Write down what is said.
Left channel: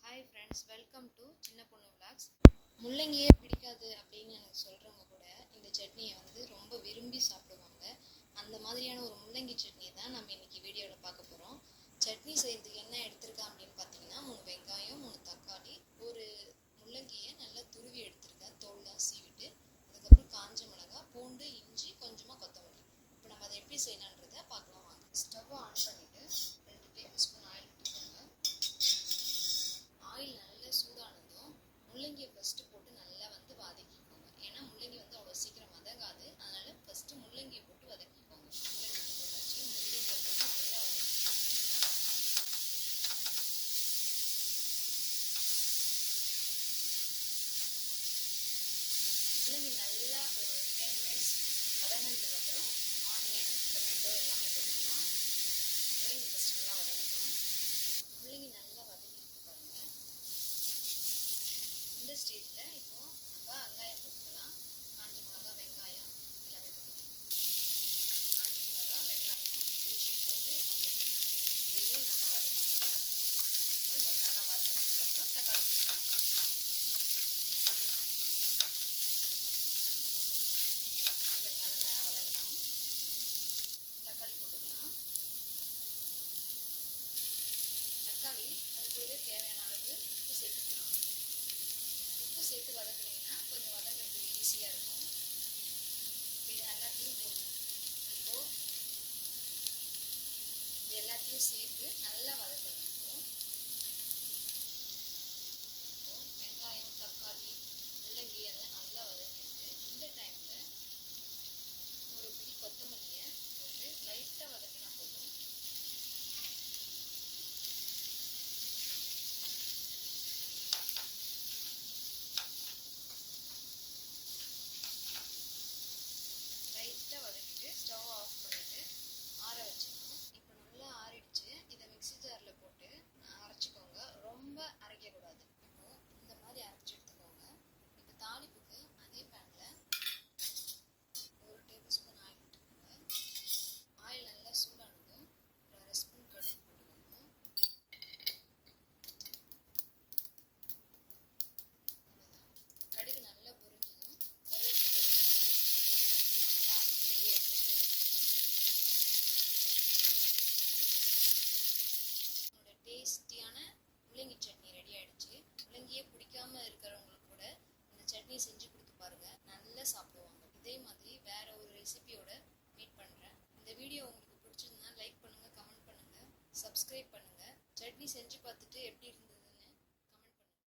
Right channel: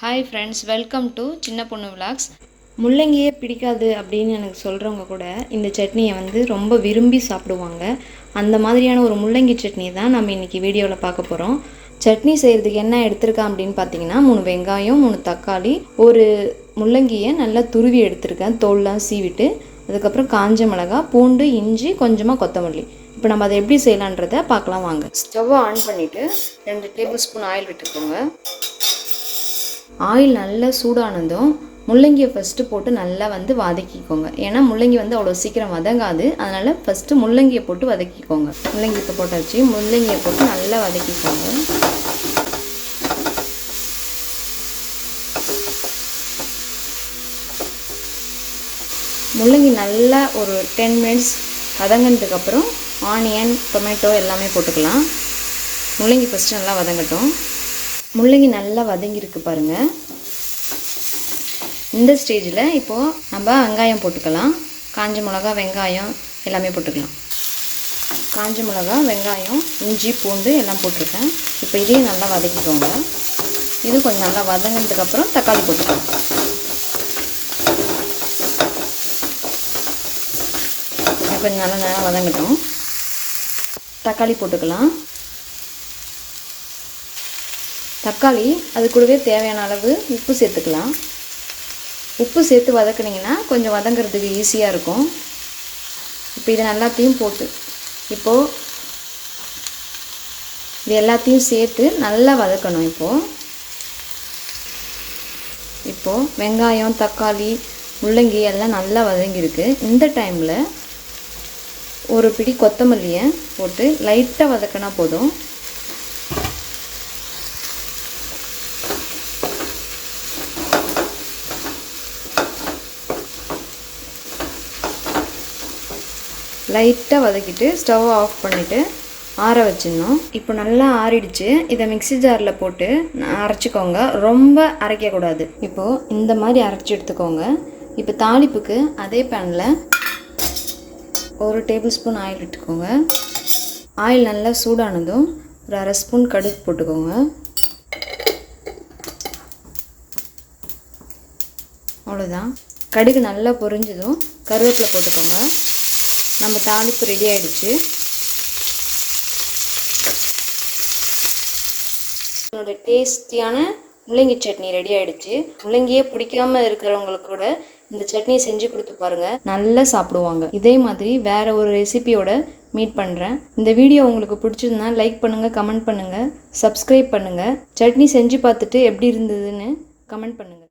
Hi friends welcome to சின்ன பொண்ணு vlogs முள்ளங்கியே பிடிக்காது அப்படின்னு எனக்கு சொல்கிறவங்க கூட இந்த சட்னியை வந்து ரொம்ப விரும்பி சாப்பிடுவாங்க. அந்த மாதிரியான ஒரு முள்ளங்கி சட்னி தான் நம்ம இன்றைக்கி வீடியோவில் பார்க்க போகிறோம் சட்னி செய்கிறதுக்கு என்ன எடுத்திருக்கேன் அப்படின்னு பார்த்தீங்கன்னா மூணு வெங்காயம் மூணு தக்காளி ஒரு முள்ளங்கியை நல்லா துருவி எடுத்திருக்கேன். தோல்லாம் சீவிட்டு அதுக்கப்புறம் காஞ்ச மிளகா பூண்டு இஞ்சி கொஞ்சமாக கொத்தமல்லி. இப்போ நம்ம அதை எப்படி செய்யலான்றதை பார்க்கலாம் வாங்க. ஸ்டவ்வை ஆன் பண்ணிவிட்டு ரெண்டு டேபிள் ஸ்பூன் ஆயில் விட்டுக்கோங்க. ஆயில் நல்லா சூடானதும் முள்ளங்கியை ஃபஸ்ட்டு போட்டு நல்லா வந்து வதக்கிக்கோங்க. ஏன்னா முள்ளங்கி வந்து அவ்வளோ சீக்கிரம் வதங்காது. அதனால் ஃபஸ்ட்டு முள்ளங்கியை போட்டு வதக்கிக்கோங்க. முள்ளங்கி இப்போ போட்டாச்சு. முள்ளங்கியை போட்டு நல்லா வதக்கிக்கோங்க. முள்ளங்கி நல்லா ஒரு டென் மினிட்ஸ் வதங்கினதுக்கப்புறம் ஆனியன் டொமேட்டோ எல்லாமே போட்டுக்கலாம். முள்ளங்கி ஃபஸ்ட்டு நல்லா வதங்கட்டும். முள்ளங்கி நல்லா வதங்கியிருக்கு பாருங்கள் இந்த ஸ்டேஜில் இப்போது நம்ம வெங்காயம் போட்டுக்கலாம். காஞ்ச மிளகா வெங்காயம் எல்லாமே போட்டுக்கலாம். காஞ்ச மிளகா வெங்காயம் இஞ்சி பூண்டு எல்லாம் போட்டிருக்கேன். இப்போ இதையும் நல்லா வதக்கிக்கோங்க. இது கொஞ்சம் நல்லா வதங்கினதுக்கப்புறம் தக்காளி போட்டுக்கலாம். கொஞ்சம் நல்லா நல்லா வதங்கட்டும். தக்காளி போட்டுக்கலாம். தக்காளி அது கூடவே தேவையான அளவு உப்பு சேர்த்துக்கலாம். உப்பு சேர்த்து வதக்குனிங்கன்னா கொஞ்சம் வதங்கிறதுக்கு ஈஸியாக இருக்கும். இப்போ இது எல்லாத்தையும் போட்டு இப்போது இது எல்லாத்தையும் சேர்த்து நல்லா வதக்கணும் இப்போது இப்போது வெங்காயம் தக்காளி முள்ளங்கி எல்லாம் நல்லா வதங்கியிருக்கு. இந்த டைமில் ஒரு பிடி கொத்தமல்லியை போட்டு லைட்டாக வதக்கினா போதும். லைட்டாக வதக்கிட்டு ஸ்டவ் ஆஃப் பண்ணிவிட்டு ஆற வச்சிடணும். இப்போ நல்லா ஆறிடுச்சு. இதை மிக்சி ஜாரில் போட்டு அரைச்சிக்கோங்க. ரொம்ப அரைக்கக்கூடாது இப்போது இந்த மாதிரி அரைச்சி எடுத்துக்கோங்க. இப்போ தாளிப்புக்கு அதே பேனில் ஒரு டேபிள் ஸ்பூன் ஆயில் விட்டுக்கோங்க ஆயில் நல்லா சூடானதும் ஒரு அரை ஸ்பூன் கடுகு போட்டுக்கோங்க. அவ்வளோதான் கடுகு நல்லா பொரிஞ்சதும் கருவேப்பிலை போட்டுக்கோங்க. நம்ம தாளிப்பு ரெடி ஆகிடுச்சு என்னோட டேஸ்டியான முள்ளங்கி சட்னி ரெடி ஆகிடுச்சு முள்ளங்கியே பிடிக்காம இருக்கிறவங்களுக்கு கூட இந்த சட்னியை செஞ்சு கொடுத்து பாருங்கள் நல்லா சாப்பிடுவாங்க. இதே மாதிரி வேற ஒரு ரெசிபியோட மீட் பண்ணுறேன் இந்த வீடியோ உங்களுக்கு பிடிச்சிருந்தா லைக் பண்ணுங்கள் கமெண்ட் பண்ணுங்கள் சப்ஸ்கிரைப் பண்ணுங்கள் சட்னி செஞ்சு பார்த்துட்டு எப்படி இருந்ததுன்னு கமெண்ட் பண்ணுங்கள்